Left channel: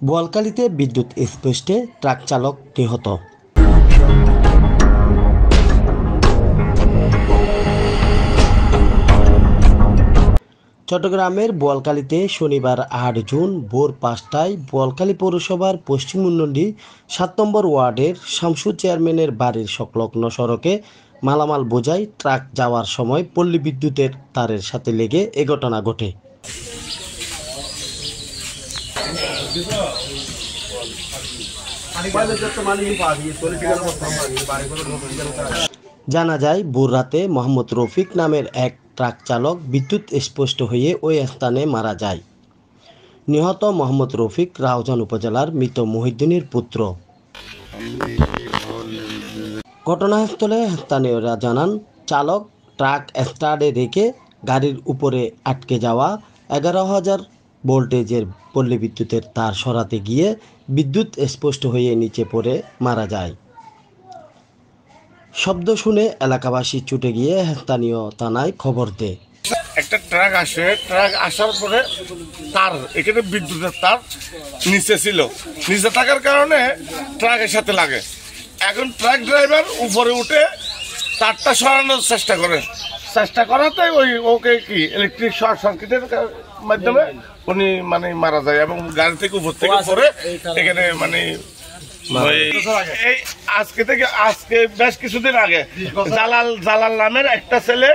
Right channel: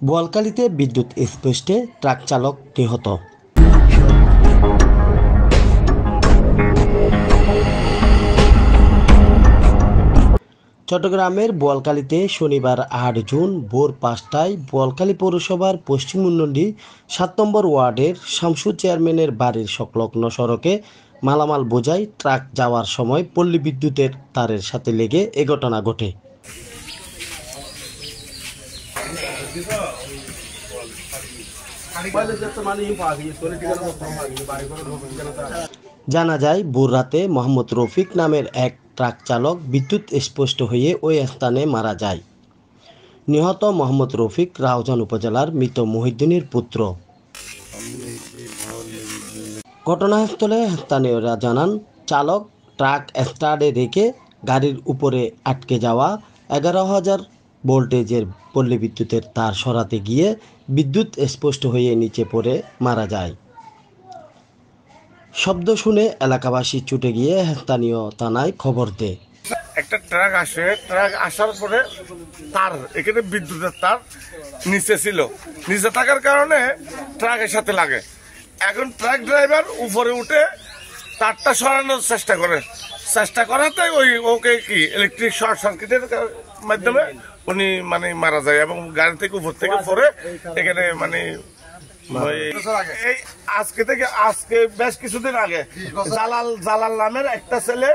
বোয়ালখালীতে বিদ্যুৎ স্পৃষ্টে ট্রাক চালক নিহত। চট্টগ্রামের বোয়ালখালীতে শনিবার ৮ জুন ভোর ৫টায় বোয়ালখালী পৌরসভার পশ্চিম উন্নয়নী ৭ নম্বর ওয়ার্ডের শামসু চেয়ারম্যানের বাড়ির সংলগ্ন সড়কে মালামাল বোঝাই ট্রাক যাওয়ার সময় পল্লী বিদ্যুতের তারের সাথে লেগে এ ঘটনা ঘটে। জানা যায় ভোর রাতে মোহাম্মদ রফিক নামের এক ট্রাক চালক বিদ্যুৎ স্পৃষ্ট হয়ে ওই স্থানে মারা যায়। নিহত মোহাম্মদ রফিক রাউজান উপজেলার মৃত মহিউদ্দিনের পুত্র। ঘটনাস্থলে স্থানীয়রা জানান, চালক ট্রাক স্টার্টে রেখে গাড়ির উপরে আটকে যাওয়া 11,000 ভোল্টেজের পল্লী বিদ্যুতের তার সরাতে গিয়ে বিদ্যুৎ স্পষ্ট হয়ে নিচে পড়ে মারা যায়। শব্দ শুনে এলাকাবাসী ছুটে গিয়ে স্থানীয় থানায় খবর দেয়। একটা ট্রাক আসে, ট্রাক আসার পরে তার এখানে বিদ্যুতের তার নিচে ছিল, নিচে থাকার কারণে ট্রাকের সাথে লাগে। এখন ট্রাক ড্রাইভার উপরে উঠে তারটা সরানোর চেষ্টা করাতে ওকে কি ইলেকট্রিক শর্ট সার্কিটের মাধ্যমে উনি মারা যায় এবং গাড়ি থেকে উপর থেকে পরে এখানে আজকে বেশ কিছুদিন আগে জালাল নামের একটা ছেলে,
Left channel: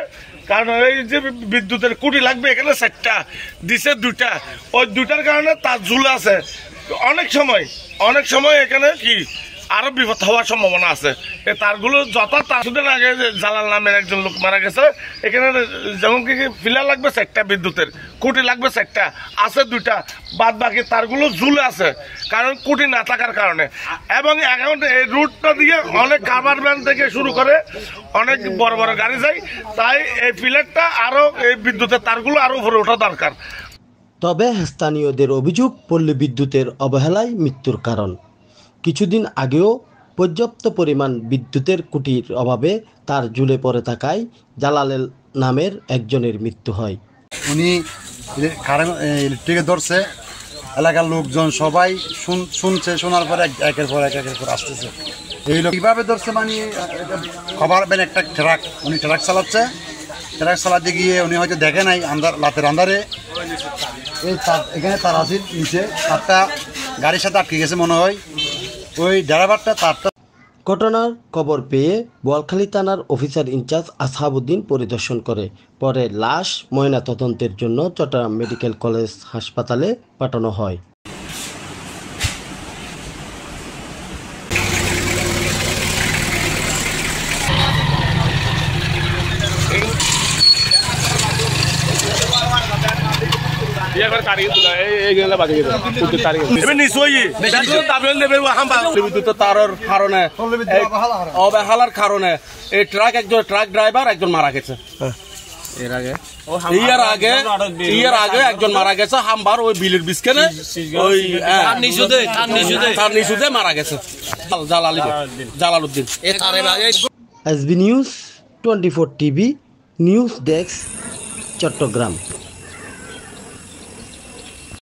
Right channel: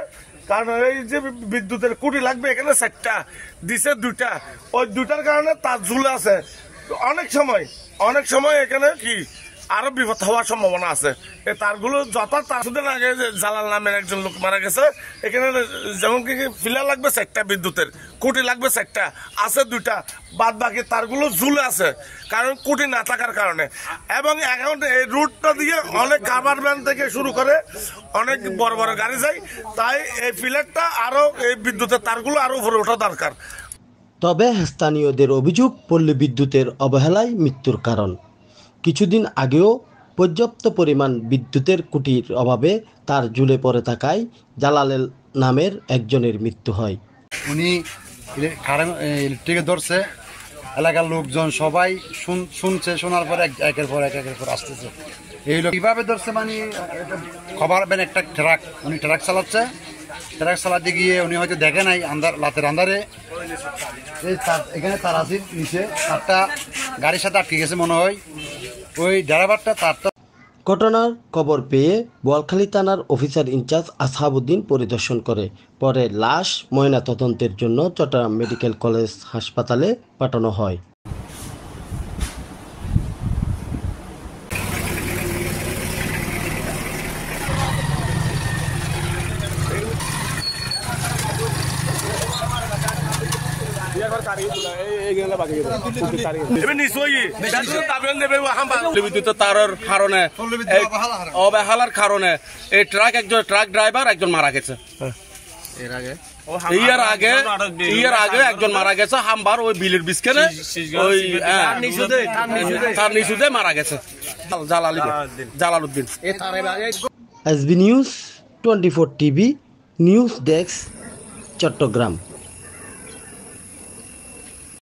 কারণ এই যে বিদ্যুতের কুটি লাগবে এখানে 4টা দিছে, 2টা, ওই 2টার কারণে তার ঝুলে আছে। অনেক সময় এখানে কি আরো বিপদ হওয়ার সম্ভাবনা আছে। এই তারগুলো কিছুদিন আগে জালাল নামের একজন লোক মারা গেছে, এখানে যেমন কি ফিলার লাগবে 4টা, বিদ্যুতের কুটি লাগবে 4টা, আছে 2টা, বাদ বাকি তারগুলো ঝুলে আছে কারণ কুটি না থাকার কারণে। এবং এখন এই রুটটা দিয়ে অনেক কারবার ভ্যান থেকে শুরু করে অনেক বড় বড় গাড়ি যায়, তাই এই ফিলারটা আরো এই বিদ্যুতের তারগুলো আরো উপরে ওঠা দরকার। তবে স্থানীয়দের অভিযোগ পল্লী বিদ্যুতের অবহেলায় মৃত্যুর কারণ। কিছুদিন আগেও পর্যাপ্ত পরিমাণ বিদ্যুতের খুঁটির অভাবে তার ঝুলে পড়ে থাকায় জালালের নামের একজনের মৃত্যু হয়। উনি ইলেকট্রিকে ধরছে, এলাকার লোকজন সবাই শুনছে, শোনার পরে একের পর এক আসতেছে। এই লোক কীভাবে ধরছে খবর পেন একটা ট্রাক, উনি ট্রাক চালাচ্ছে, ট্রাক চালাতে গিয়ে উনি হয়তো দেখে নাই রাতের আন্ধারে এই এখানে তার আছে নিচে, তারটা গাড়ির সাথে আটকে গেছে মনে হয়, ওই ড্রাইভারটা তারটা। ঘটনার খবর পেয়ে বোয়ালখালী থানার অফিসার ইনচার্জ আসহাবউদ্দিন পরিদর্শন করে পরে লাশ ময়নাতদন্তের জন্য চট্টগ্রাম মেডিকেল কলেজ হাসপাতালে পাঠানো হয়। অবহেলার কারণে এই ট্রাক ড্রাইভার একজন মারা গেছে। এর আগে একজন মারা গেছে হামবার ওই বিলের বিস্কেনে, ওই তার নিচুতে মারা গেছে Jalaluddin. SB news 24 TV news desk, Chittagong.